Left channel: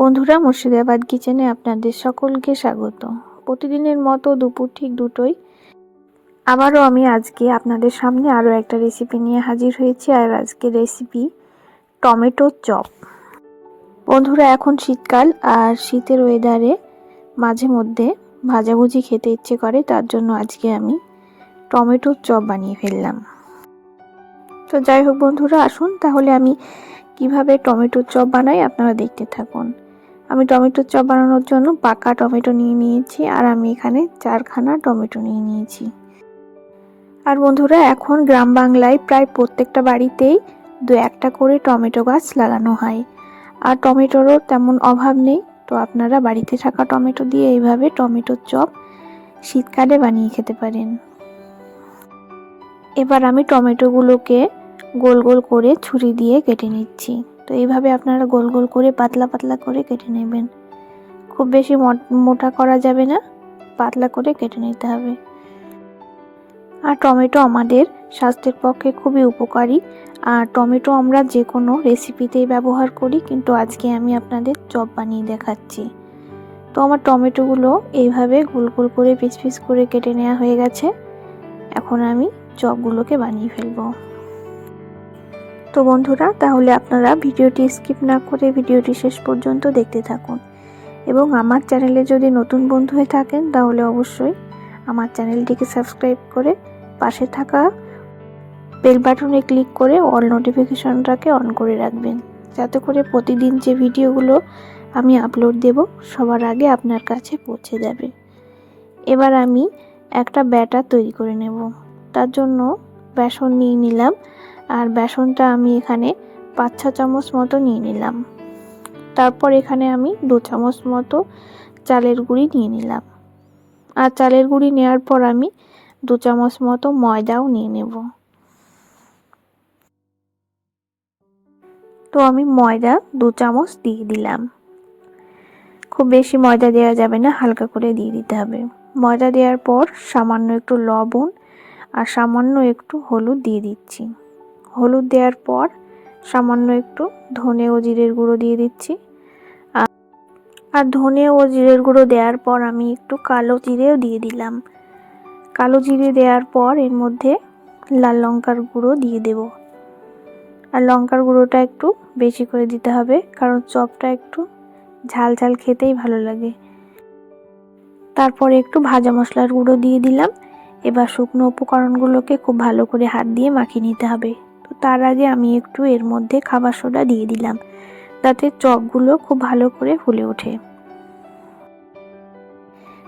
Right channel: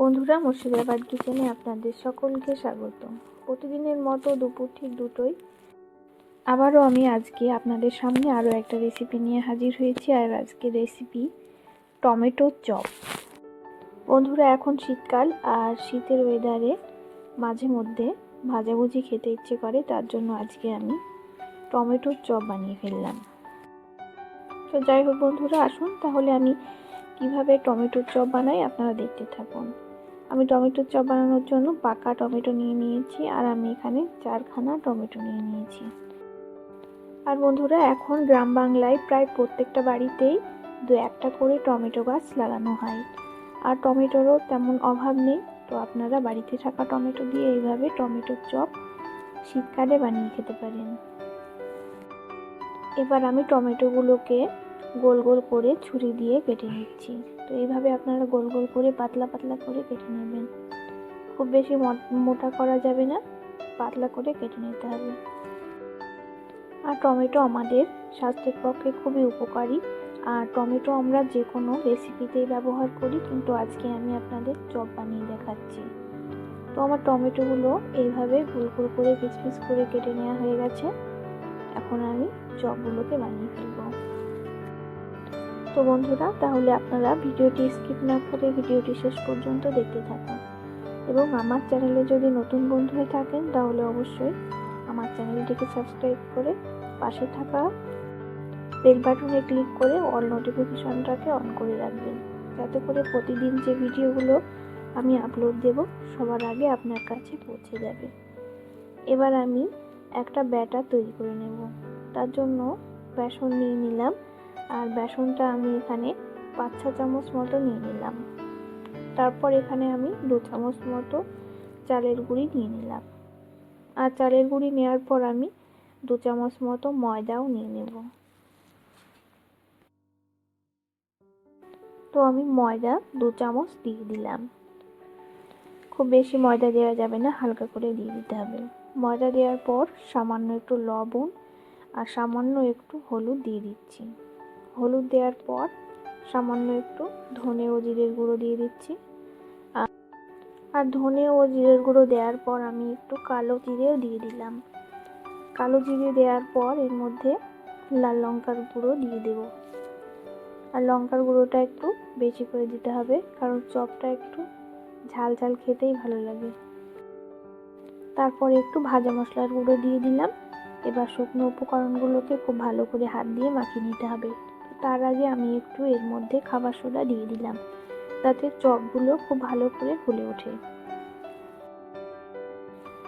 বন্ধুরা, মুর্শিদাবাদ কিচেনে আপনাদের সকলকে স্বাগত। প্রতিদিনের মতো দুপুর ঠিক দুটোই আবারও আমি আজকে আপনাদের সামনে আরও একটা রেসিপি নিয়ে হাজির হয়েছি, আর আজকে রেসিপি টমেটো চপ। বন্ধুরা, এখন শীতকাল, আর শীতের ওয়েদারে মাঝে মধ্যে ভাজাভুজি খেতে ইচ্ছে করে, তার জন্য আজকে আমি টমেটোর চপ বানিয়ে ফেললাম। তো যাই হোক বন্ধুরা, আসুন তাহলে আমি কীভাবে টমেটোর চপ বানাই, আপনারা দেখতে থাকুন। আমি টমেটোর চপ বানানোর জন্য পাকা টমেটো নিয়ে নিয়েছি আর আমি এখানে চারখানা টমেটো নিয়ে নিয়েছি। আর বন্ধুরা, এখন গ্রাম বাংলায় প্রায় প্রত্যেকটা বাড়িতেই দু একটা করে টমেটো গাছ লাগানো হয়। আর টমেটোরও তেমন অভাব নেই। তো আপনারা বাড়িতে থাকা টমেটো দিয়ে এইভাবে টমেটোর চপ শীতকালে বানিয়ে খেতে পারেন। এবার আমি টমেটোগুলোকে গোল গোল করে ছুরি দিয়ে কেটে নিচ্ছি। তো এইভাবে আপনারা গোল গোল করে, পাতলা পাতলা করে কেটে নেবেন। খুব বেশি মোটা করা যাবে না, পাতলা করে কেটে নিতে হবে। আর টমেটো আমাদের স্বাস্থ্যের পক্ষে খুবই উপকারী। আর টমেটো আমরা যে কোনো রেসিপিতেই ব্যবহার করি, কিন্তু আজকে আমি আপনাদের চপ বানিয়ে দেখাচ্ছি। তো আমার টমেটোগুলো এইভাবে গোল গোল করে, পিস পিস করে কেটে নেওয়া হয়ে গেছে। এখন আমি চপগুলোকে বানিয়ে ফেলব। তো বন্ধুরা, তাহলে আপনারা ভিডিওটি স্কিপ না করে ভিডিওটি শেষ পর্যন্ত দেখতে থাকুন। এবং আমার চ্যানেলে যদি নতুন বন্ধু হয়ে থাকেন, তাহলে অবশ্যই আমার চ্যানেলটিকে সাবস্ক্রাইব করে পাশে থাকা বেল বাটনে ক্লিক করে অল নোটিফিকেশনটাকে অন করে রাখবেন। যাতে করে প্রতিদিন যে ভিডিওগুলো আমি আপলোড দেব, সবার আগে আপনার কাছে পৌঁছে যাবে। এবার আমি একটা ব্যাটার তৈরি করে নেব। তার জন্য বেসন নিয়ে নিলাম। আর বেসনটা আমি এখানে পাঁচ ছ চামচ মতো নিয়ে নিলাম। তারপর এখানে আমি দু চামচ মতো চালের গুঁড়ি নিয়ে নিলাম। আর চালের গুঁড়ি নেওয়ার পর আমি দু চামচ মতো ময়দাও নিয়ে নেব। তো আমি ময়দা দু চামচ দিয়ে দিলাম। খুব বেশি ময়দা দেওয়া যাবে না, হালকা করে দিয়ে দিতে হবে। ময়দা দেওয়ার পর সামান্য একটু লবণ আর সামান্য একটু হলুদ দিয়ে দিচ্ছি। হলুদ দেওয়ার পর সামান্য একটু ধনে ও জিরের গুঁড়ো দিয়ে দিচ্ছি। আর ধনে ও জিরের গুঁড়ো দেওয়ার পর আমি একটু কালো জিরেও দিয়ে দিলাম। কালো জিরে দেওয়ার পর এর মধ্যে লাল লঙ্কার গুঁড়ো দিয়ে দেব। আর লঙ্কার গুঁড়োটা একটু বেশি করে দিতে হবে, কারণ চপটা একটু ঝাল ঝাল খেতেই ভালো লাগে। তারপর একটু ভাজা মশলার গুঁড়ো দিয়ে দিলাম। এবার শুকনো উপকরণগুলোকে খুব ভালো করে হাত দিয়ে মাখিয়ে নিতে হবে। তার আগে আমি একটু এর মধ্যে খাবার সোডা দিয়ে দিলাম। তাতে চকগুলো খুব ভালো করে ফুলে ওঠে।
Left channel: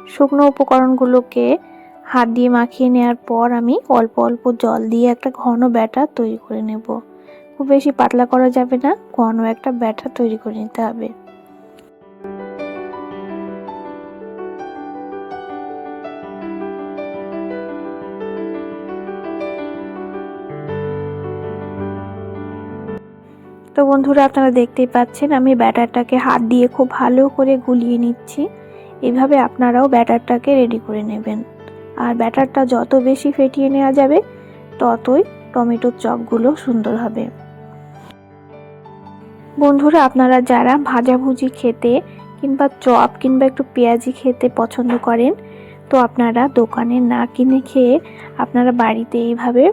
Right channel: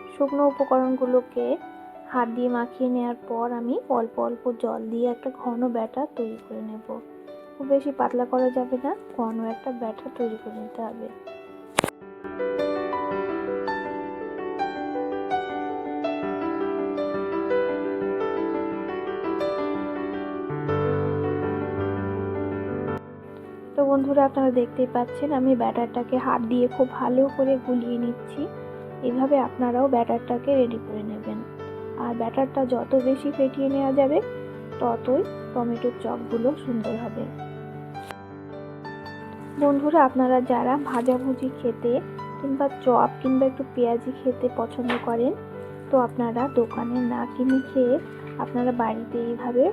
শুকনো উপকরণগুলোকে হাত দিয়ে মাখিয়ে নেওয়ার পর আমি অল্প অল্প জল দিয়ে একটা ঘন ব্যাটার তৈরি করে নেব। খুব বেশি পাতলা করা যাবে না, ঘন একটা ব্যাটার তৈরি করে নিতে হবে। তো বন্ধুরা আপনারা দেখতেই পাচ্ছেন, আমি ব্যাটারটাকে হাত দিয়ে খুব ভালো করে গুলিয়ে নিচ্ছি। এভাবে আপনারাও ব্যাটারটাকে রেডি করে নেবেন। আর ব্যাটারটা যত বেশি ফেটিয়ে নেওয়া যাবে, ততই টমেটোর চপগুলো সুন্দর হবে। বন্ধুরা, আপনারা যারা ভাজাভুজি খেতে কিংবা চপ কিংবা একটু পেঁয়াজি খেতে পছন্দ করেন, তো আপনারা দোকানে না কিনে খেয়ে আপনারা বাড়িতে এইভাবে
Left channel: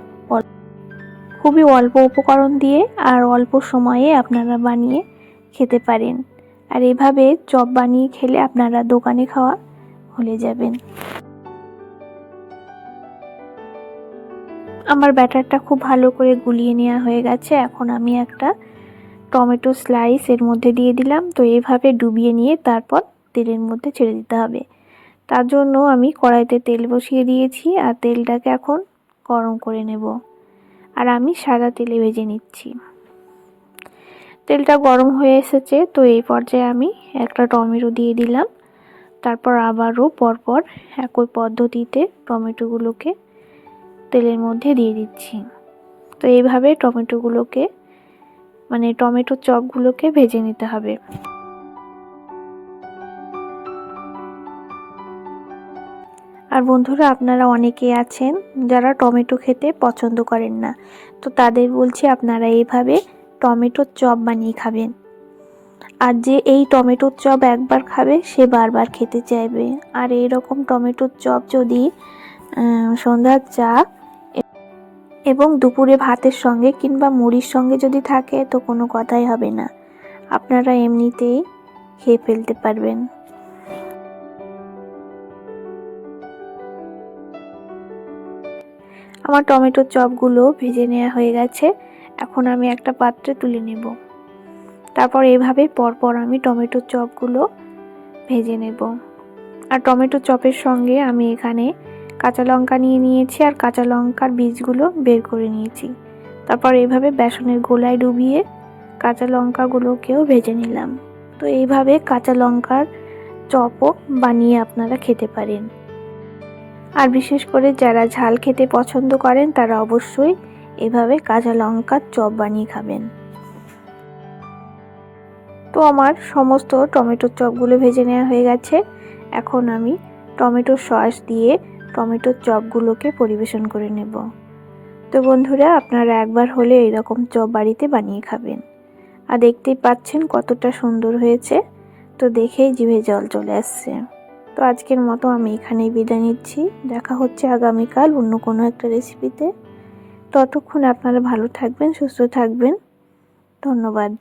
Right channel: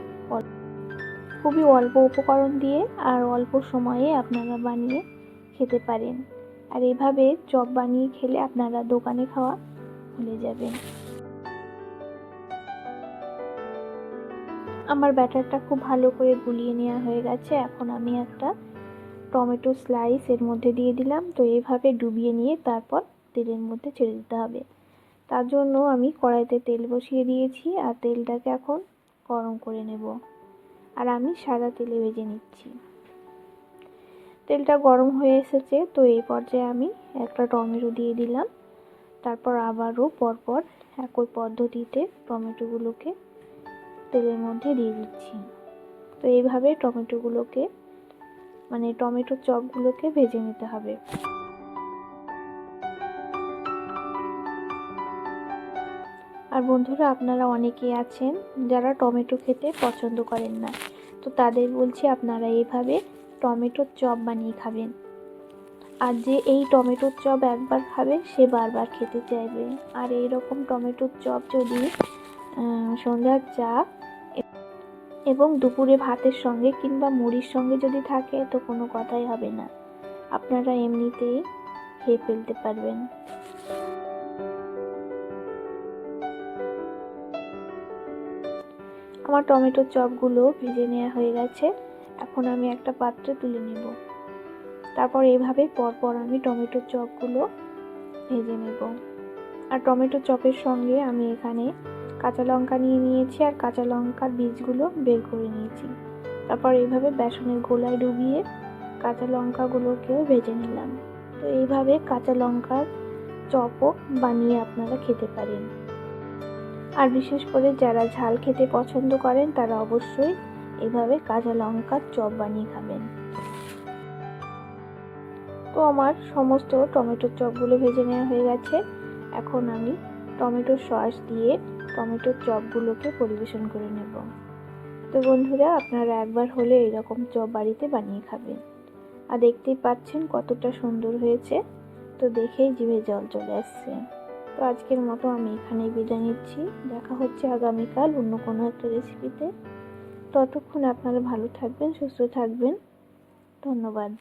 খুবই অল্প উপকরণ দিয়ে আর অল্প সময়ে আপনারা বানিয়ে খেতে পারেন। আর এভাবে চপ বানিয়ে খেলে আপনারা দোকানে খাওয়া ভুলে যাবেন। আমার ব্যাটারটা খুব ভালো করে গুলিয়ে নেওয়া হয়ে গেছে। এখন আমি একটা টমেটো স্লাইস এর মধ্যে দিয়ে দিলাম। তো এইভাবে ডুবিয়ে নিয়ে তারপর তেলের মধ্যে ছেড়ে দিতে হবে। তার জন্য আমি কড়াইতে তেল বসিয়ে দিয়েছি। আর তেলটাকে এখন গরম করে নেব। আর আমি সাদা তেলে ভেজে নিচ্ছি। তেলটা গরম হয়ে এসেছে, তো এই পর্যায়ে আমি একটা টমেটো দিয়ে দিলাম। তারপর আবারও পরপর একই পদ্ধতিতে টমেটোগুলোকে তেলের মধ্যে দিয়ে দিচ্ছি। তো এইভাবে টমেটোগুলোকে মানে টমেটোর চপগুলোকে ভেজে নিতে হবে। আর বন্ধুরা, আপনারা অনেকে আছেন যারা টমেটো খেতে পছন্দ করেন না। তো তাদের বলছি, আপনারা এইভাবে টমেটোর চপ বানিয়ে খাবেন। আর যে এই টমেটোর চপ একবার খাবে, সে বারবার খেতে চাইবে। আর এই রকম টমেটোর চপ যদি সন্ধ্যার চা এবং দুপুরে ভাতের সঙ্গে কিংবা মুড়ির সঙ্গে যদি থাকে, তো কোনো কথাই হবে না। আপনারা এমনিতেই খেয়ে ফেলতে পারবেন। আমার টমেটোর চপগুলো ভেজে নেওয়া হয়ে গেছে। এখন আমি একটা পাত্রে তুলে নেব। তারপর এভাবে পরপর আমি টমেটোর চপগুলো ভেজে নেব। আর টমেটো চপের সঙ্গে আমি এখানে কাঁচা লঙ্কা নিয়ে নিয়েছি আর কাঁচা লঙ্কার বীজগুলো বের করে নিয়েছি। তারপর এইভাবে বেসনের গোলায় ডুবিয়ে কাঁচা লঙ্কাগুলোকেও ভেজে নিলাম। তো এইভাবে কাঁচা লঙ্কার চপও বানিয়ে আপনারা খেতে পারেন। আর বিশেষ করে যারা ঝাল খেতে পছন্দ করেন, তারা অবশ্যই এভাবে কাঁচা লঙ্কার চপ বানিয়ে খাবেন। তো আমার সমস্ত টমেটোর চপগুলো ভেজে নেওয়া হয়ে গেছে। এখন আমি টমেটোর সস দিয়ে টমেটোর চপগুলোকে পরিবেশন করে নেব। তো বন্ধুরা, আপনারা একবার হলে এরকম চপ বাড়িতে বানিয়ে খাবেন। আর দেখতেই পাচ্ছেন কতটা সুন্দর হয়েছে। তো দেখেই জিভে জল চলে আসছে। তো আজকের মতো আমি এখানেই বিদায় নিচ্ছি। দেখা হচ্ছে আগামীকাল অন্য কোনো একটা রেসিপিতে ততক্ষণ আপনারা ভালো থাকবেন, সুস্থ থাকবেন। ধন্যবাদ।